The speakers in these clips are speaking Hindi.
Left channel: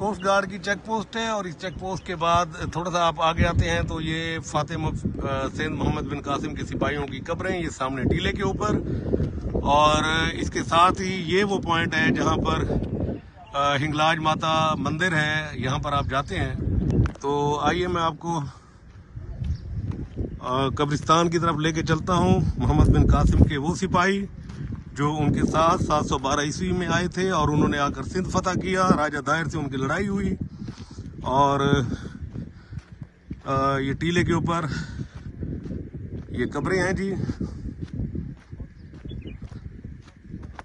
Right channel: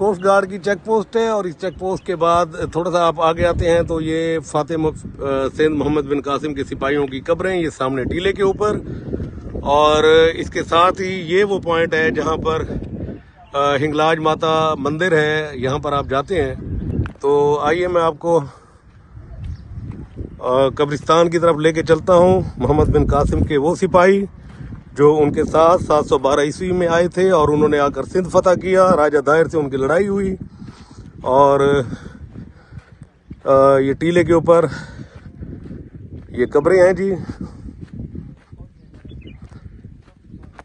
कोस्ट गार्ड की चेक पोस्ट है और इस चेक पोस्ट के बाद थोड़ा सा आप आगे आते हैं तो ये फातिमा सैयद मोहम्मद बिन कासिम के सिपाहियों की कब्रें, ये सामने टीले के ऊपर। और इसके साथ ही ये वो पॉइंट है जहां पर हिंगलाज माता मंदिर है, यहाँ पर आप जाते हैं। तो आइए मैं आपको कब्रिस्तान की तरफ लेके चलता हूँ। मोहम्मद बिन कासिम के वो सिपाही जो उनके साथ 712 ईस्वी में आए थे और उन्होंने आकर सिंध फतह किया, राजा दायर से उनकी लड़ाई हुई। और ये टीले के ऊपर ये कब्रें हैं जी,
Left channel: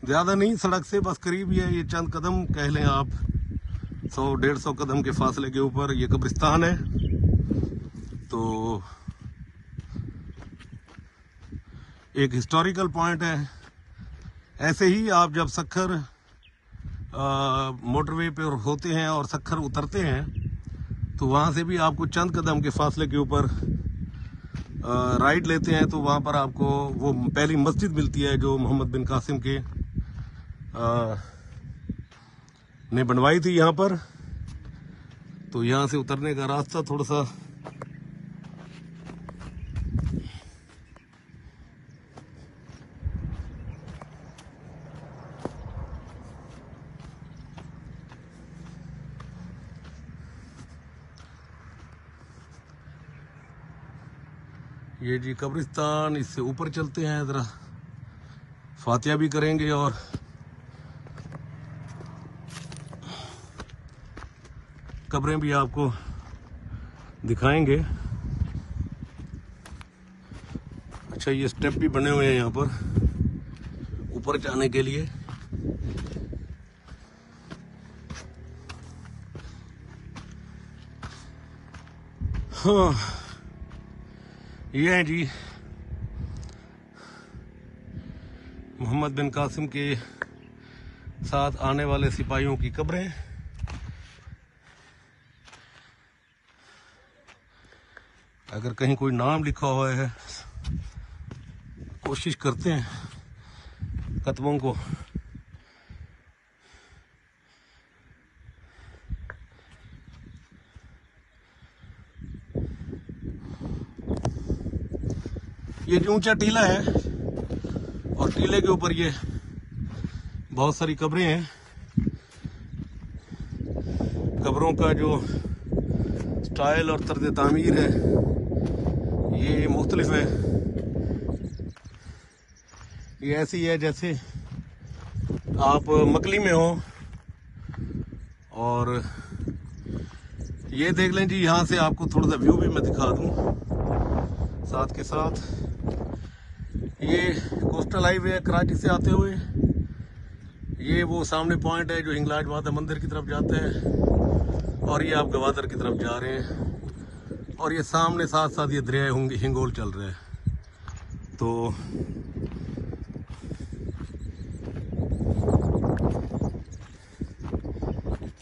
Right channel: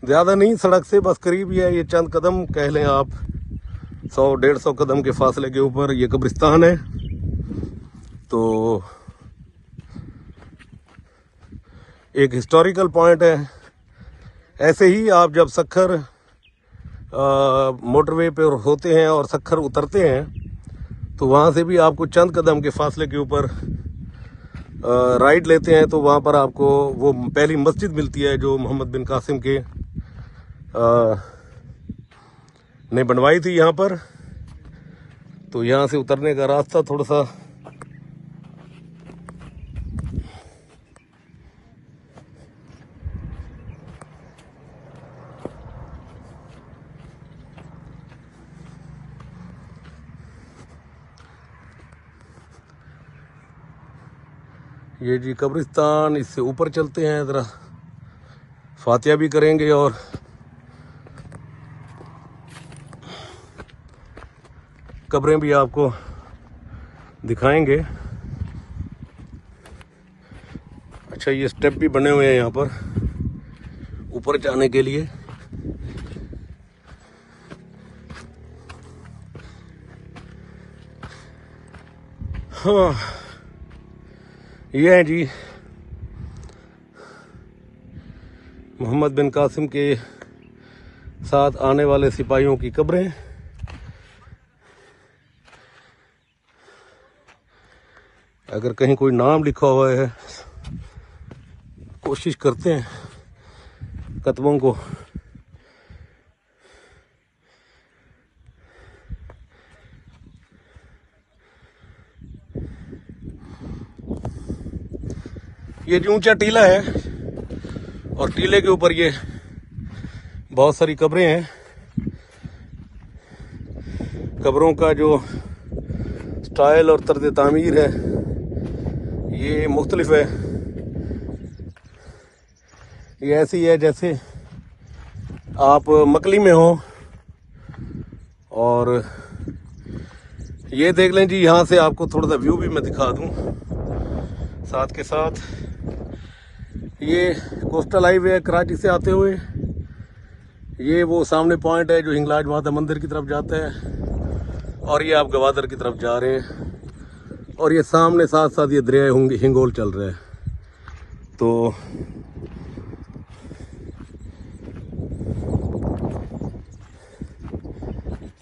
ज्यादा नहीं सड़क से, बस करीब ही है, ये चंद कदम कह लें आप, 100-150 कदम के फासले के ऊपर ये कब्रिस्तान है। तो एक हिस्टोरिकल पॉइंट है। ऐसे ही आप जब सखर मोटरवे पे होते हैं और सखर उतरते हैं तो वहां से भी आपको चंद कदम के फासले के ऊपर राइड लेते हैं तो वहां पर आपको वो पहली मस्जिद मिलती है जो मोहम्मद बिन कासिम के ने बनवाई थी यहाँ पर। तो यहाँ से उतरने का रास्ता थोड़ा सा ये जी कब्रिस्तान, इससे ऊपर चलते हैं, जरा फातिहा भी करेंगे और कब्रें भी आपको दिखाएंगे। अच्छा, ये स्टेप भी बने हुए हैं यहाँ पर ऊपर जाने के लिए। हाँ, ये है जी मोहम्मद बिन कासिम के साथ आने वाले सिपाहियों की कब्रें। अगर कहीं कोई नाम लिखा हुआ है, कोशिश करते हैं कतबों को ये ऊंचा टीला है और टीले के ऊपर ये बहुत सारी कब्रें हैं। कब्रों का जो स्टाइल और तर्ज तामीर है ये मुख्तलिफ है। ये ऐसी है जैसे आप मकली में हो। और ये देख लें जी, यहाँ से आपको थोड़ा सा व्यू भी मैं दिखा दूं साथ के साथ। ये कोस्टल हाईवे है कराची से आते हुए। ये वो सामने पॉइंट है जो हिंगलाज माता मंदिर की तरफ जाता है और ये आप गवादर की तरफ जा रहे हैं। और ये सामने साथ साथ ये दरिया हिंगोल चल रहा है। तो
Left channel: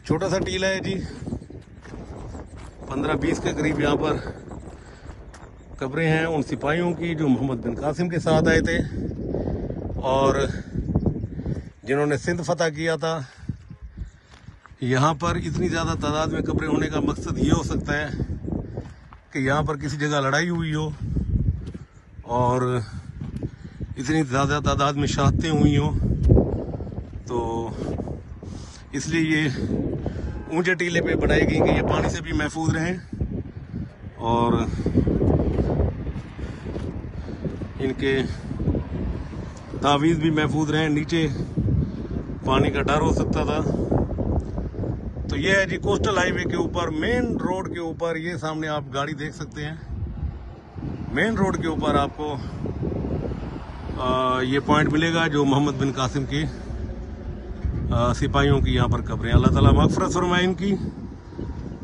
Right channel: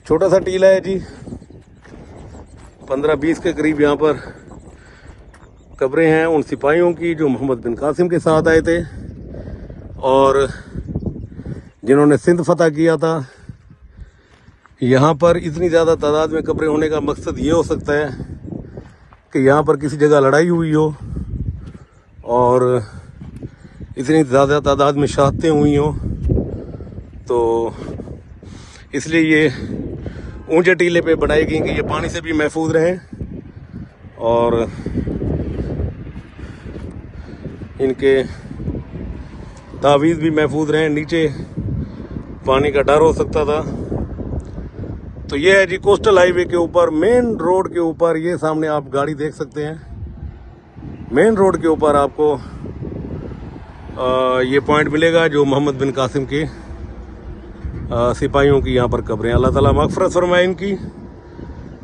छोटा सा टीला है जी, 15-20 के करीब यहाँ पर कब्रें हैं उन सिपाहियों की जो मोहम्मद बिन कासिम के साथ आए थे और जिन्होंने सिंध फतह किया था। यहाँ पर इतनी ज्यादा तादाद में कब्रें होने का मकसद ये हो सकता है कि यहाँ पर किसी जगह लड़ाई हुई हो और इतनी ज्यादा तादाद में शहादतें हुई हो, तो इसलिए ये ऊंचे टीले पे बनाई गई कि ये पानी से भी महफूज रहें और इनके तावीज़ भी महफूज रहें। नीचे पानी का डर हो सकता था। तो ये है जी कोस्टल हाईवे के ऊपर, मेन रोड के ऊपर, ये सामने आप गाड़ी देख सकते हैं। मेन रोड के ऊपर आपको ये पॉइंट मिलेगा जो मोहम्मद बिन कासिम के सिपाहियों की यहाँ पर कब्रें। अल्लाह ताला मग़फ़िरत फरमाए इनकी।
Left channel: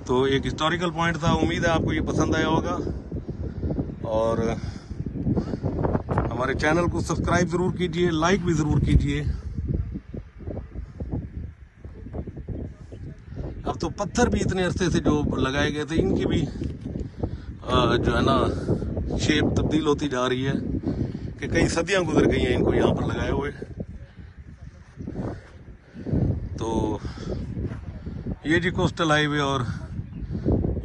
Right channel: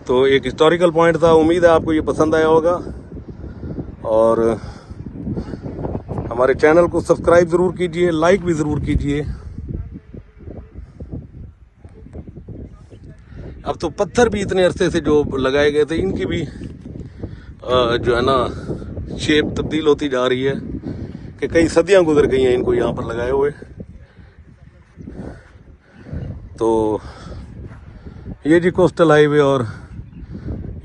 तो एक हिस्टोरिकल पॉइंट था, उम्मीद है आपको ये पसंद आया होगा और हमारे चैनल को सब्सक्राइब जरूर कीजिए, लाइक भी जरूर कीजिए। अब तो पत्थर भी इतने अरसे से जो लगाए गए थे इनकी भी जो है ना शेप तब्दील होती जा रही है कि कई सदियां गुजर गई हैं इनको यहाँ पर लगाए हुए। तो ये जी कोस्टल हाईवे और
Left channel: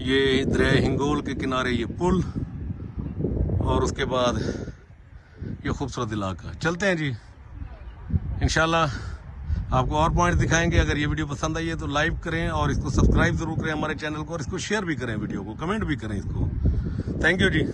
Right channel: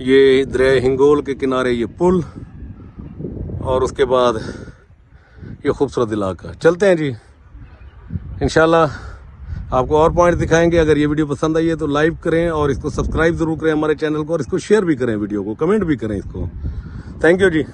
ये दरिया हिंगोल के किनारे ये पुल और उसके बाद ये खूबसूरत इलाका। चलते हैं जी, इंशाल्लाह आपको और पॉइंट दिखाएंगे। अगर ये वीडियो पसंद आई है तो लाइक करें और इसको सब्सक्राइब जरूर करें हमारे चैनल को, और इसको शेयर भी करें, वीडियो को कमेंट भी करें इसको। Thank you ji.